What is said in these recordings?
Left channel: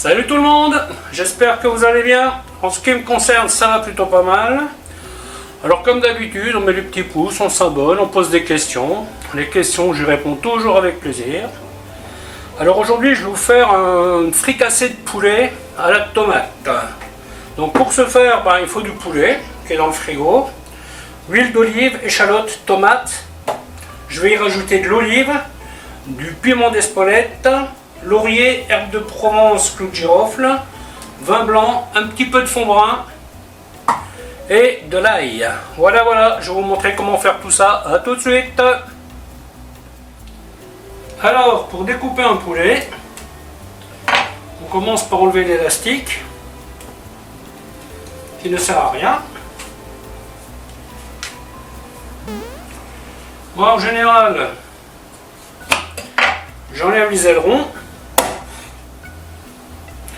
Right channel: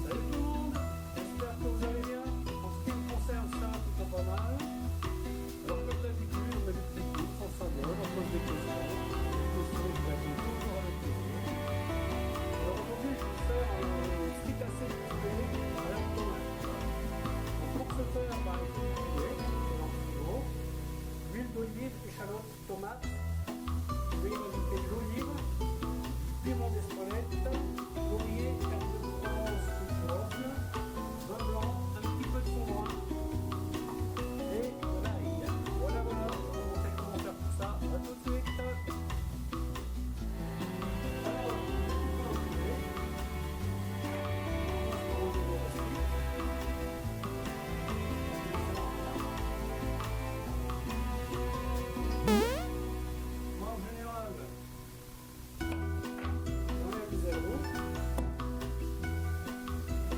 Salut tout le monde, j'espère que vous allez bien. En ce qui me concerne, ça va plutôt pas mal. Alors comme d'habitude, on met les petits pouces, on s'abonne, on pose des questions. Les questions, je réponds toujours avec plaisir. Alors aujourd'hui, je vais vous faire un fricassé de poulet à la tomate. Donc pour ce faire, il faut du poulet qui est dans le frigo, huile d'olive, échalote, tomate. Je vais y rajouter de l'olive, du piment d'Espelette, laurier, herbe de Provence, clou de girofle, vin blanc, un petit peu de fond brun et de l'ail. Voilà, je vais vous montrer comment faire tout ça. A tout de suite. Alors, pour découper un poulet, on commence par enlever l'élastique qui ne sert à rien. Moi, en général, j'enlève les ailerons.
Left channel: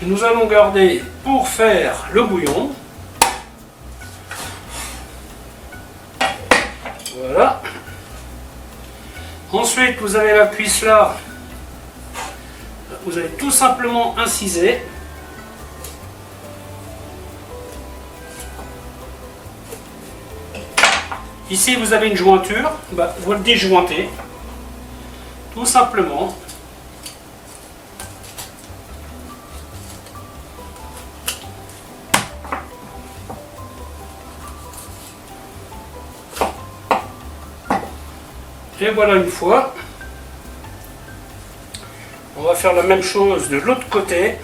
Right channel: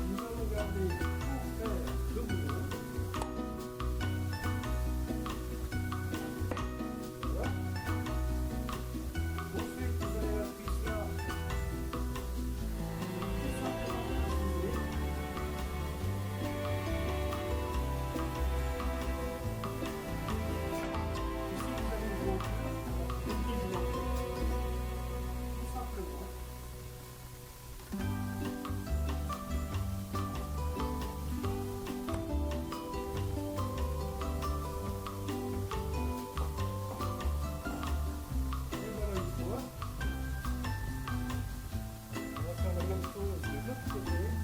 Nous allons garder pour faire le bouillon. Voilà. Ensuite, vous avez la cuisse là. Vous allez tout simplement inciser. Ici, vous avez une jointure. Vous le déjointez. Tout simplement. Et voilà une fois. On va faire la même chose de l'autre côté.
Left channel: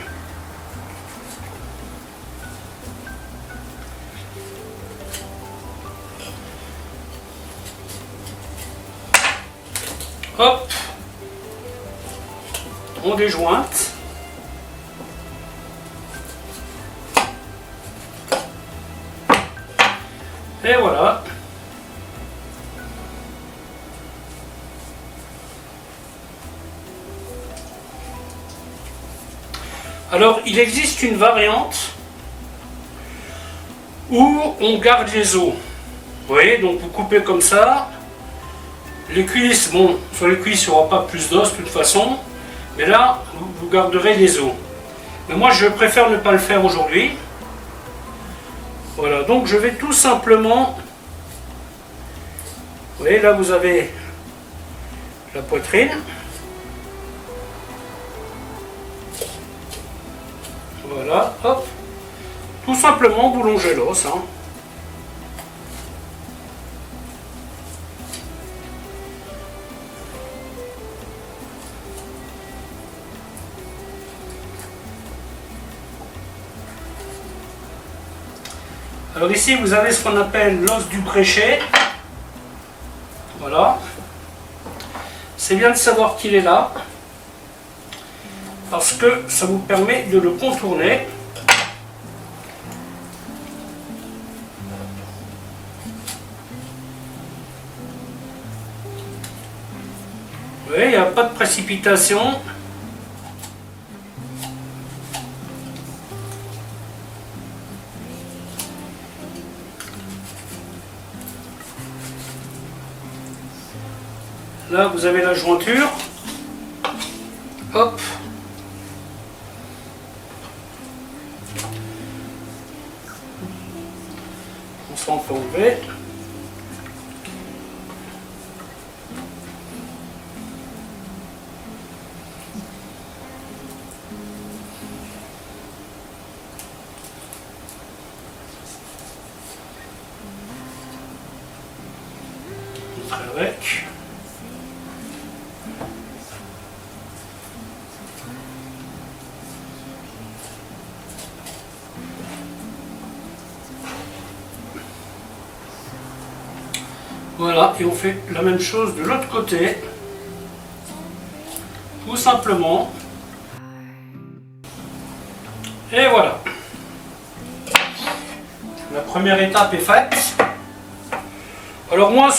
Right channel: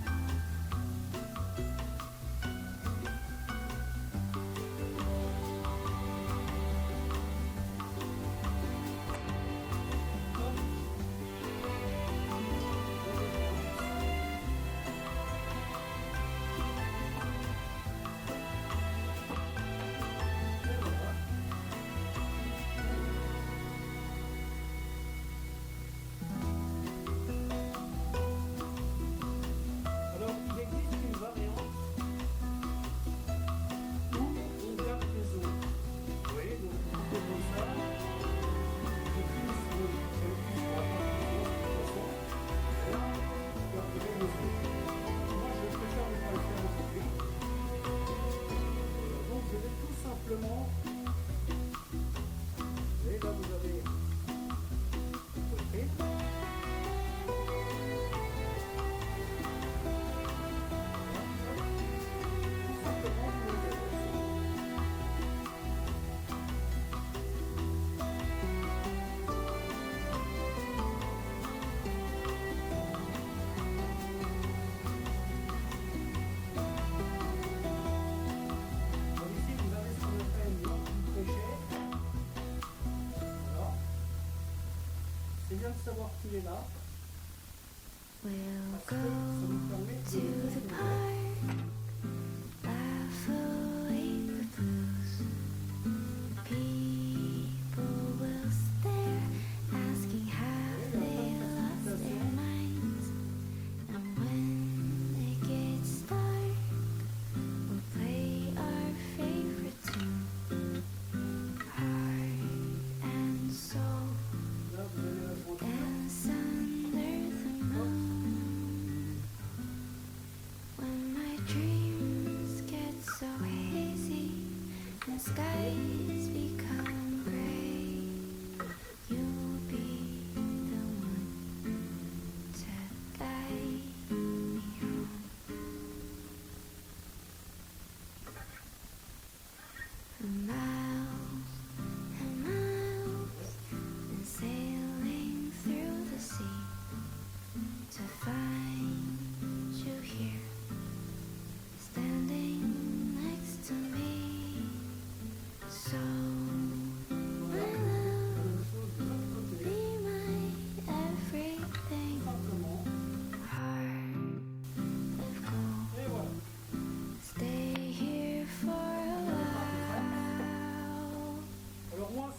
Hop. On déjointe. Et voilà. Alors, il existe une variante où on garde les os. Vous voyez, donc vous coupez comme ça. Les cuisses, bon, sur les cuisses, il n'y aura pas plus d'os de toute façon. Mais là, vous garderez les os. Mais moi, je préfère ne pas le faire aujourd'hui. Voilà, donc je vais tout simplement... Vous voyez, là, vous avez la poitrine. Voilà, hop. Tout simplement, vous longez l'os. Alors ici, vous avez ce qu'on appelle l'os du bréchet. Voilà. C'est bien de savoir qu'il est là, parce que ça vous permet de le contourner. Vous voyez, il n'y a pas de précipitation. Là, vous avez la jointure. Hop. On s'en fait enlever. Avec. Voilà, et on fait la même chose de l'autre côté. Tout simplement. Et voilà. La première étape est faite. Alors moi,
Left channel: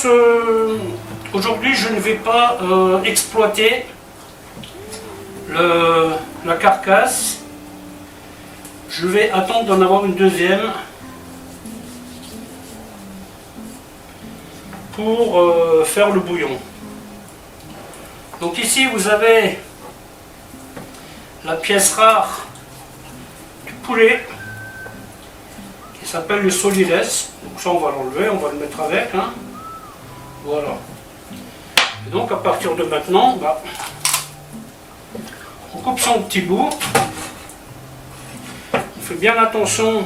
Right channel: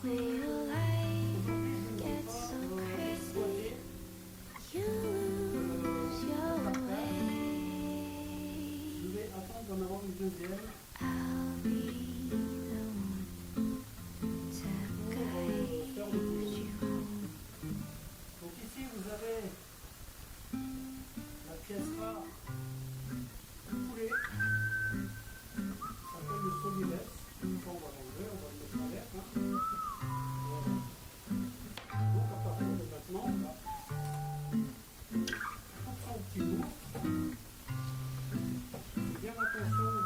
aujourd'hui, je ne vais pas exploiter la carcasse. Je vais attendre d'en avoir une deuxième pour faire le bouillon. Donc ici vous avez la pièce rare poulet qui s'appelle le solides. Donc ça on va l'enlever, on va le mettre avec. Hein. Voilà. Et donc à partir de maintenant, on coupe son petit bout. On fait bien attention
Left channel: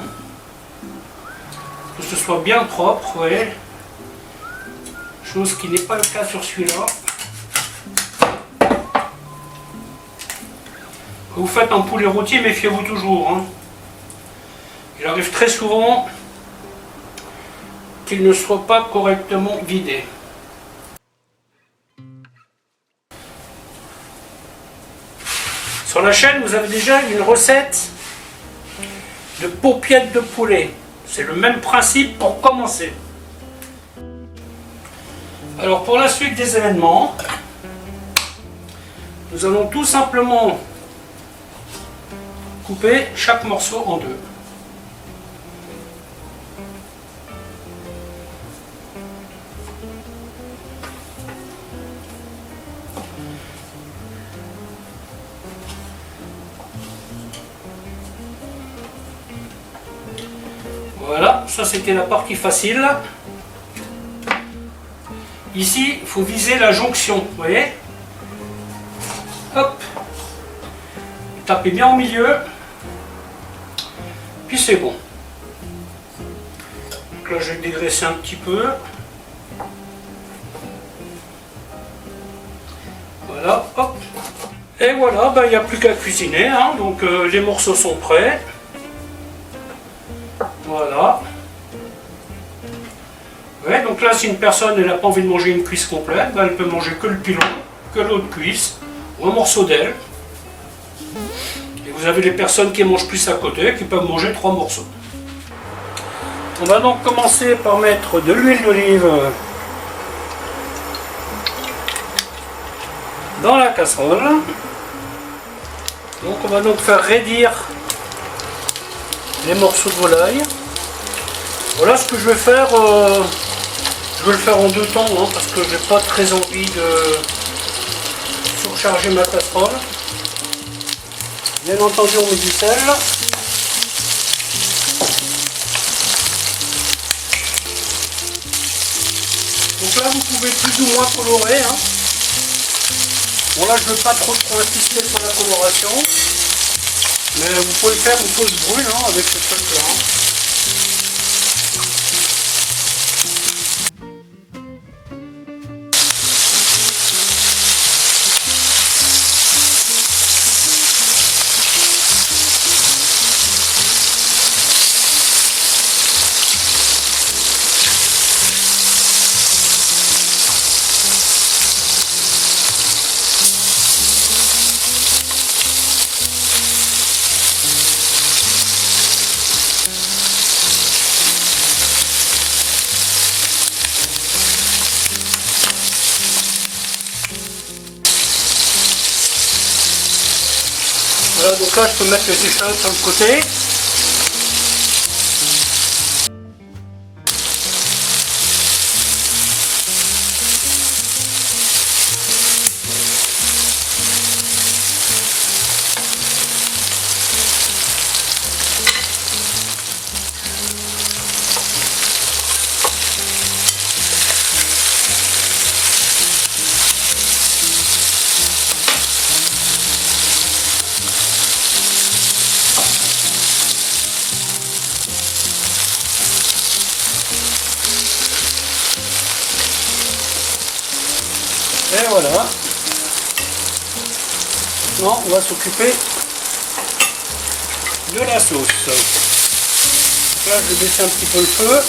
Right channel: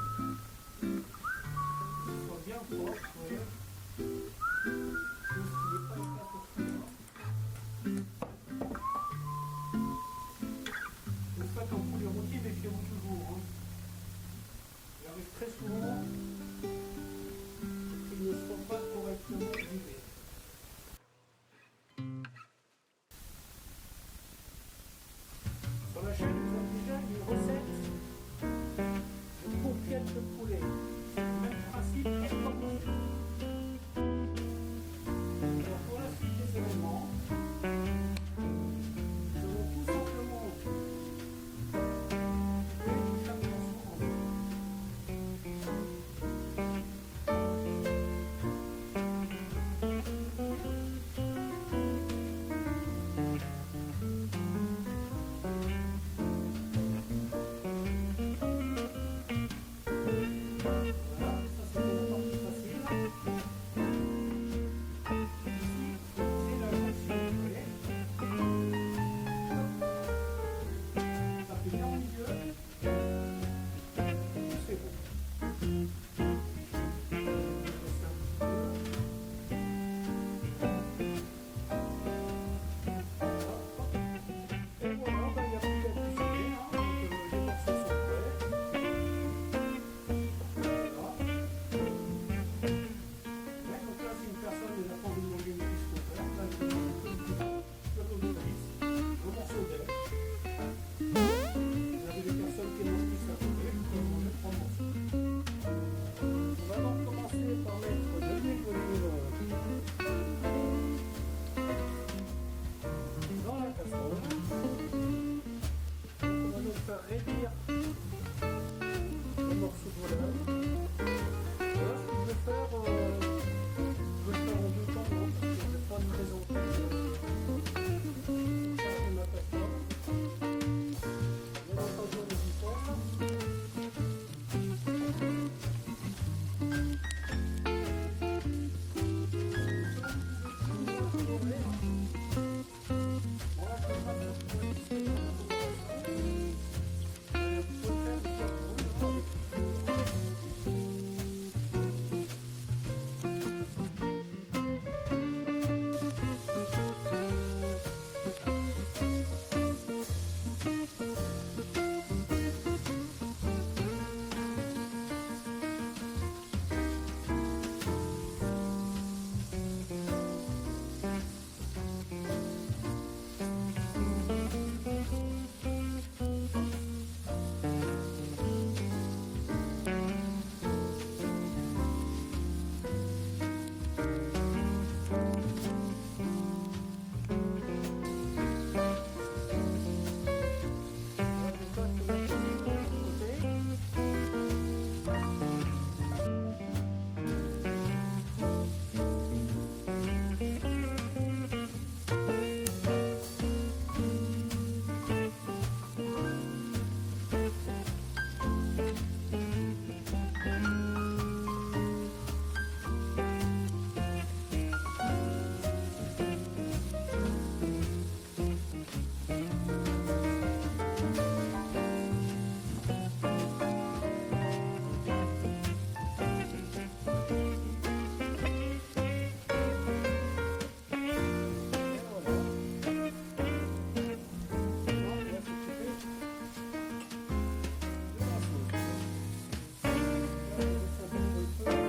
que ce soit bien propre, vous voyez. Chose qui n'est pas le cas sur celui-là. Quand vous faites un poulet rôti, méfiez-vous toujours. Hein. Il arrive très souvent qu'il ne soit pas correctement vidé. Sur la chaîne, vous avez déjà une recette de paupiètes de poulet. C'est le même principe pour commencer. Alors pour la suite des événements, nous allons tout simplement couper chaque morceau en deux. Voilà, ça c'était la partie facile. Ici, il faut viser la jonction, vous voyez? Hop! Tapez bien au milieu. Puis c'est bon. Donc là, je vais dégraisser un petit peu. Voilà, hop! Et voilà, il n'y a plus qu'à cuisiner. Hein. Donc les morceaux sont prêts. Voilà. Ouais, donc là, si une personne n'a pas envie de manger une cuisse complète, elle peut manger que le pilon, que l'autre cuisse, ou un morceau d'aile. Et vous avez les personnes qui mangent plus à côté, qui peuvent manger 3 morceaux. On va donc commencer par mettre de l'huile d'olive dans la casserole. Donc on va donc faire raidir les morceaux de volaille. Voilà ce que je vais faire. Je vais le faire en 2 temps hein, parce que j'ai pas très envie de surcharger ma casserole. Bien entendu on met du sel. Donc là vous pouvez plus ou moins colorer. Hein. Bon là je ne veux pas trop insister sur la coloration. Mais vous pouvez le faire une pause brune hein, avec ce truc là. Hein. Voilà, donc là je peux mettre les échalotes sur le côté. Et voilà. Maintenant, on va s'occuper de la sauce. Là, je vais baisser un petit peu le feu.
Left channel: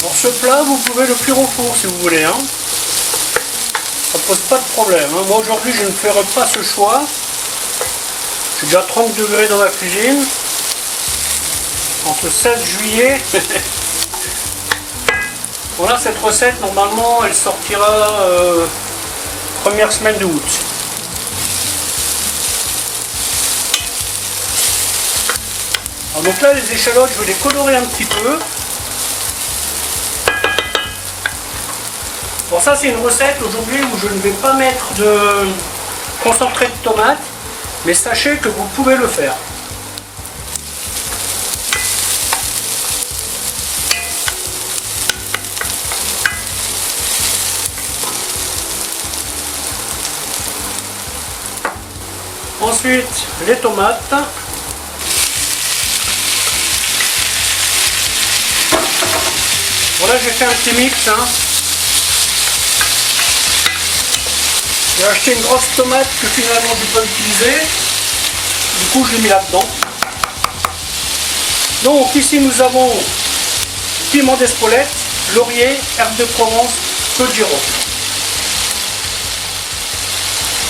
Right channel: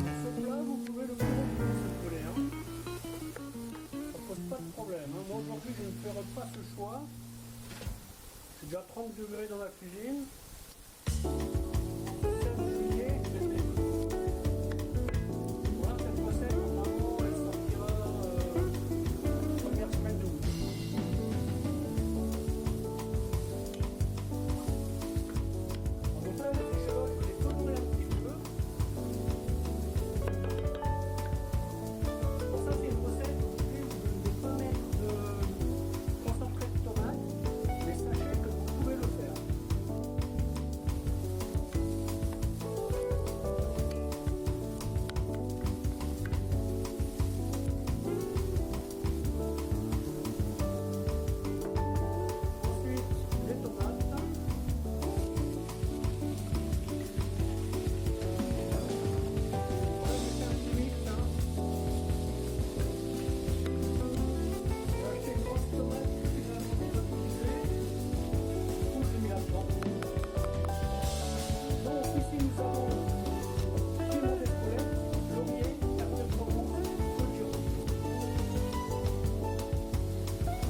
Pour ce plat, vous pouvez le cuire au four si vous voulez. Hein. Ça pose pas de problème. Hein. Moi, aujourd'hui, je ne ferai pas ce choix. J'ai déjà 30 degrés dans la cuisine. Entre 16 juillet. Voilà, cette recette, normalement, elle sortira première semaine d'août. Donc là, les échalotes, je vais les colorer un petit peu. Bon, ça, c'est une recette aujourd'hui où je ne vais pas mettre concentré de tomate, mais sachez que vous pouvez le faire. Ensuite, les tomates. Voilà, j'ai fait un petit mix. J'ai acheté une grosse tomate que finalement je peux utiliser. Du coup, je l'ai mis là-dedans. Donc ici, nous avons piment d'Espelette, laurier, herbe de Provence, peu de girofle.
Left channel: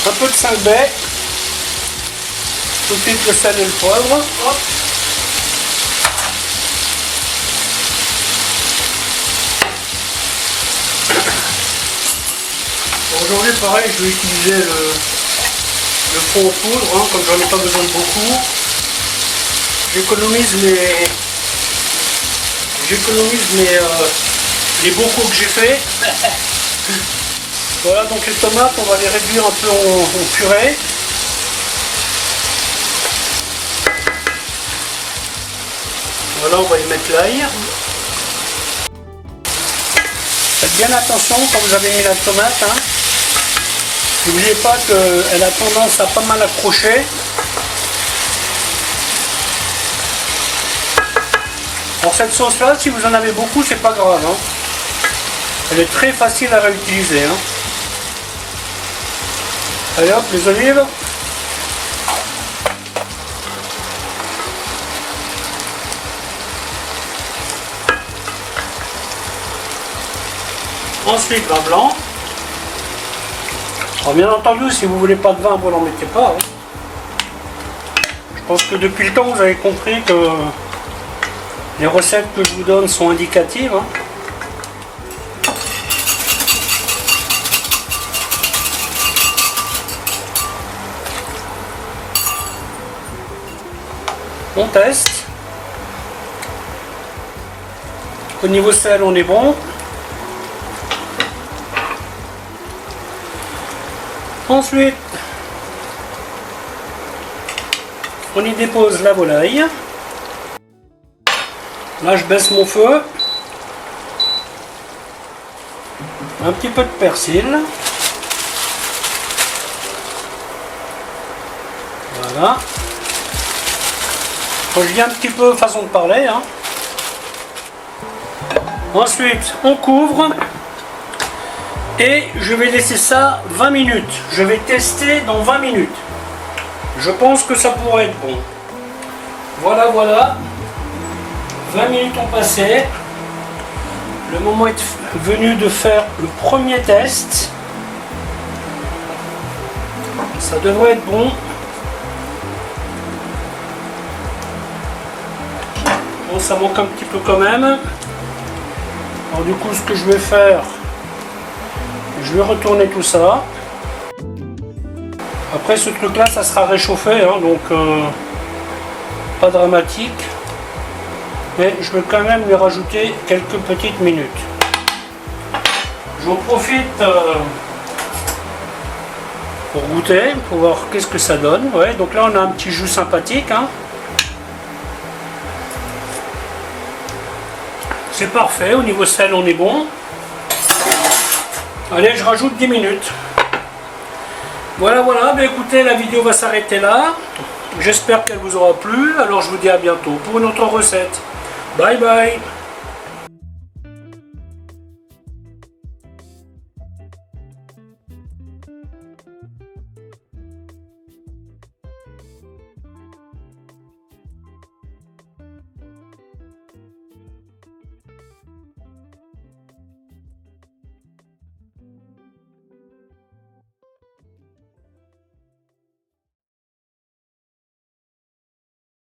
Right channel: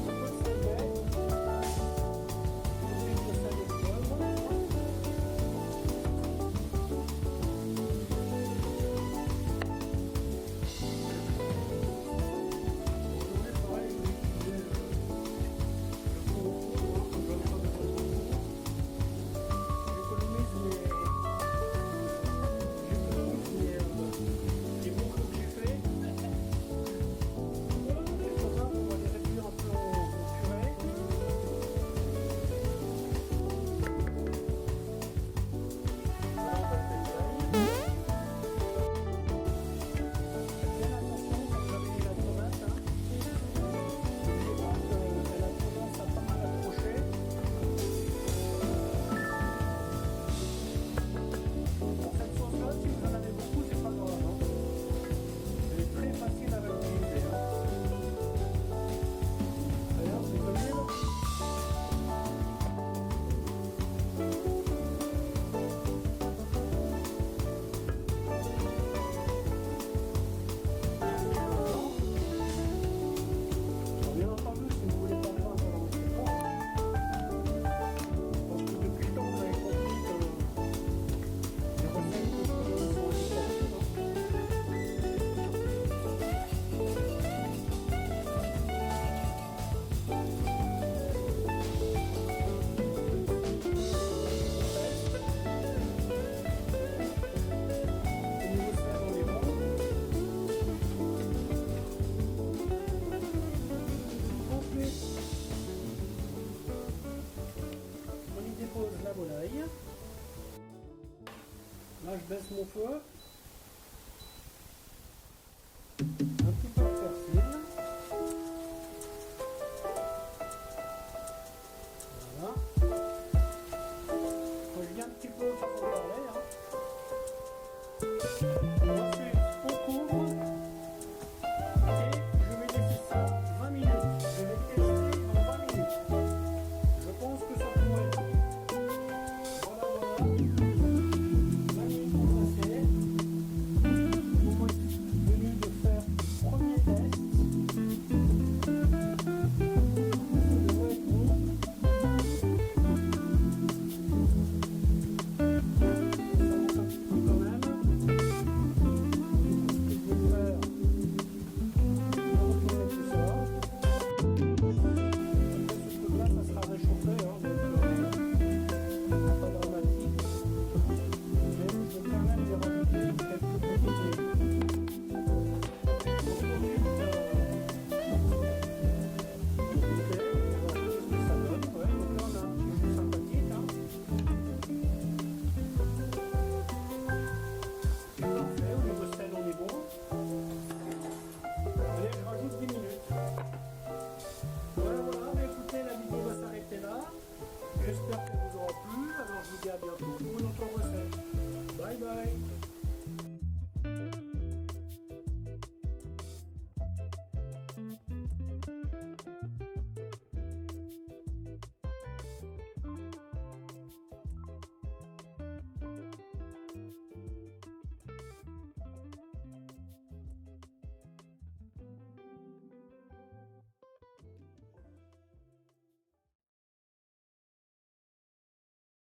Un peu de 5 baies. Tout de suite le sel et le poivre. Hop. Aujourd'hui, pareil, je vais utiliser le fond en poudre, comme j'en ai pas besoin de beaucoup. J'économise les bocaux que j'ai fait. Voilà, donc les tomates, on va les réduire un peu en purée. Voilà, on va y mettre l'ail. Faites bien attention quand vous avez mis la tomate. N'oubliez pas qu'elle a tendance à pas mal accrocher. Pour cette sauce là, si vous en avez beaucoup, c'est pas grave. Elle est très facile à réutiliser. Allez hop, les olives. Ensuite, vin blanc. Alors, bien entendu, si vous voulez pas de vin, vous n'en mettez pas. Je pense que depuis le temps, vous avez compris que les recettes que je vous donne sont indicatives. On teste. Au niveau sel, on est bon. Ensuite, on y dépose la volaille. Là, je baisse mon feu. Un petit peu de persil. Voilà. Je viens un petit peu façon de parler. Ensuite, on couvre. Et je vais laisser ça 20 minutes. Je vais tester dans 20 minutes. Je pense que ça pourrait être bon. Voilà, voilà. 20 minutes ont passé. Le moment est venu de faire le premier test. Ça devrait être bon. Bon, ça manque un petit peu quand même. Alors du coup, ce que je vais faire, je vais retourner tout ça. Après ce truc là, ça sera réchauffé, donc pas dramatique. Mais je vais quand même lui rajouter quelques petites minutes. J'en profite pour goûter, pour voir qu'est-ce que ça donne. Ouais, donc là on a un petit jus sympathique. C'est parfait, au niveau sel on est bon. Allez, je rajoute 10 minutes. Voilà, voilà, ben écoutez, la vidéo va s'arrêter là. J'espère qu'elle vous aura plu. Alors je vous dis à bientôt pour une autre recette. Bye bye.